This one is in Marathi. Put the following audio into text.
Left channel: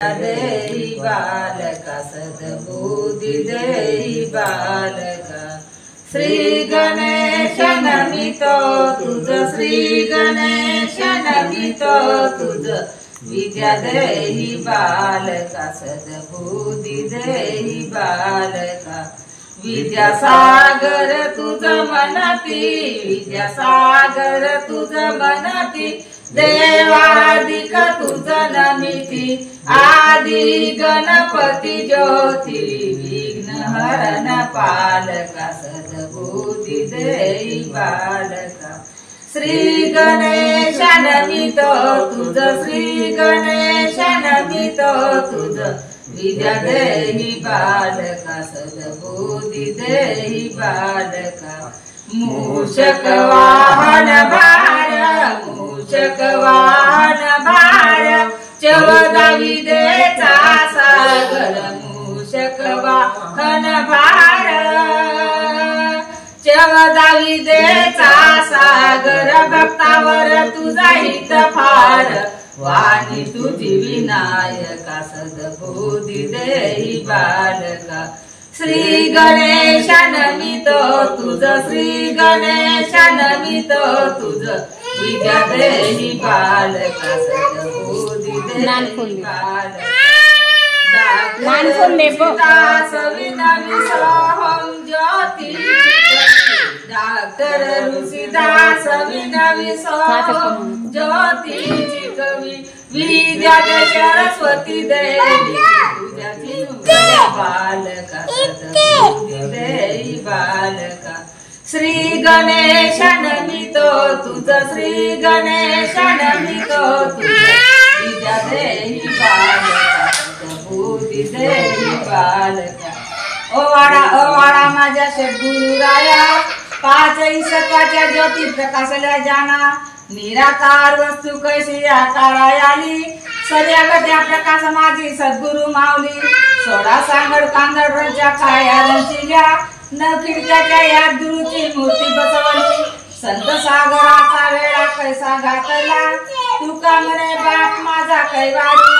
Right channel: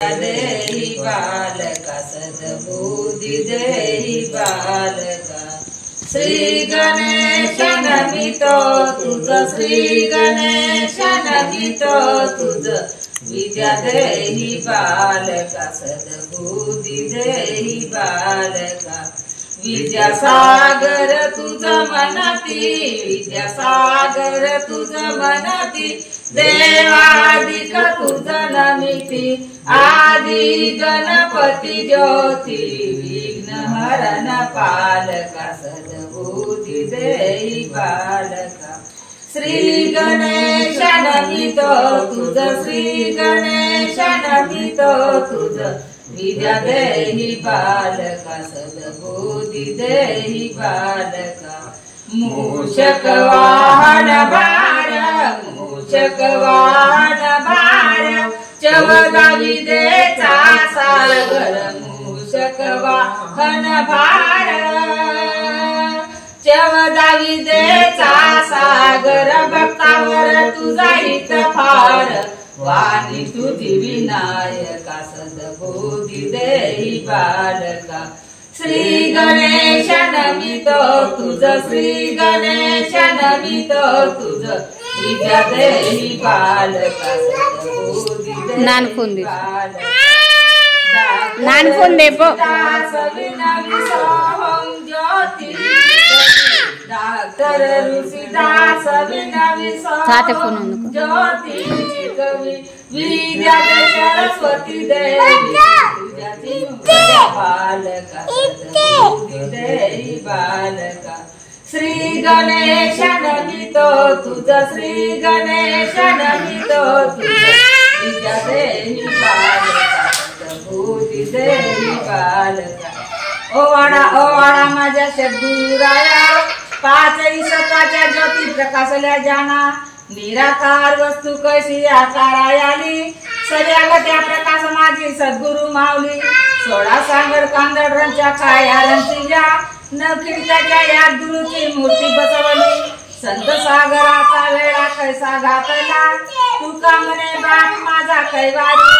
देहि बालका सद्बुद्धि देहि बालका। श्री गणेश नमितो तुझ, श्री गणेश नमितो तुझ, विद्या देहि बालका सद्बुद्धि देहि बालका। विद्यासागर तुझ मनती, विद्यासागर तुझ मनती, देवादिक तुझ नमिती, आदि गणपती ज्योती, विघ्न हरण पालका सद्बुद्धि देहि बालका। श्री गणेश नमितो तुझ, श्री गणेश नमितो तुझ, विद्या देहि बालका सद्बुद्धि देहि बालका। मूषक वाहन भार, मूषक वाहन भार, 14 विद्येचा सागर, मूषक वाहन भार, 14 विद्येचा सागर, भक्तावर तुझा हित फार, वाणी तुझी विनायका सद्बुद्धि देहि बालका। श्री गणेश नमितो तुझ, श्री गणेश नमितो तुझ, विद्या देहि बालका सद्बुद्धि देहि बालका। ज्योति डॉक्टर ऋषिदास विनवी सोहम ज्योति कवि, विद्या सरस्वती देवी तुझ्याची बालका सद्बुद्धि देहि बालका। श्री गणेश नमितो तुझ, श्री गणेश नमितो तुझ, विद्या देहि बालका सद्बुद्धि देहि बालका। ओवाडा माझ्या सद्गुरु राया, 5 सत्वाच्या ज्योती प्रकाशल्या जाना, निराकार वस्तू कैसी आकारा आली, सगळ्या प्रकाश माझी सद्गुरु माऊली। 16 सांगड कांदळच्या काया रंचिल्या, न खिडक्याच्या या गुरुची मूर्ती बसवली, संत सागराचा वेळा कैसा घातला, तुका म्हणे बाप माझा कैवारी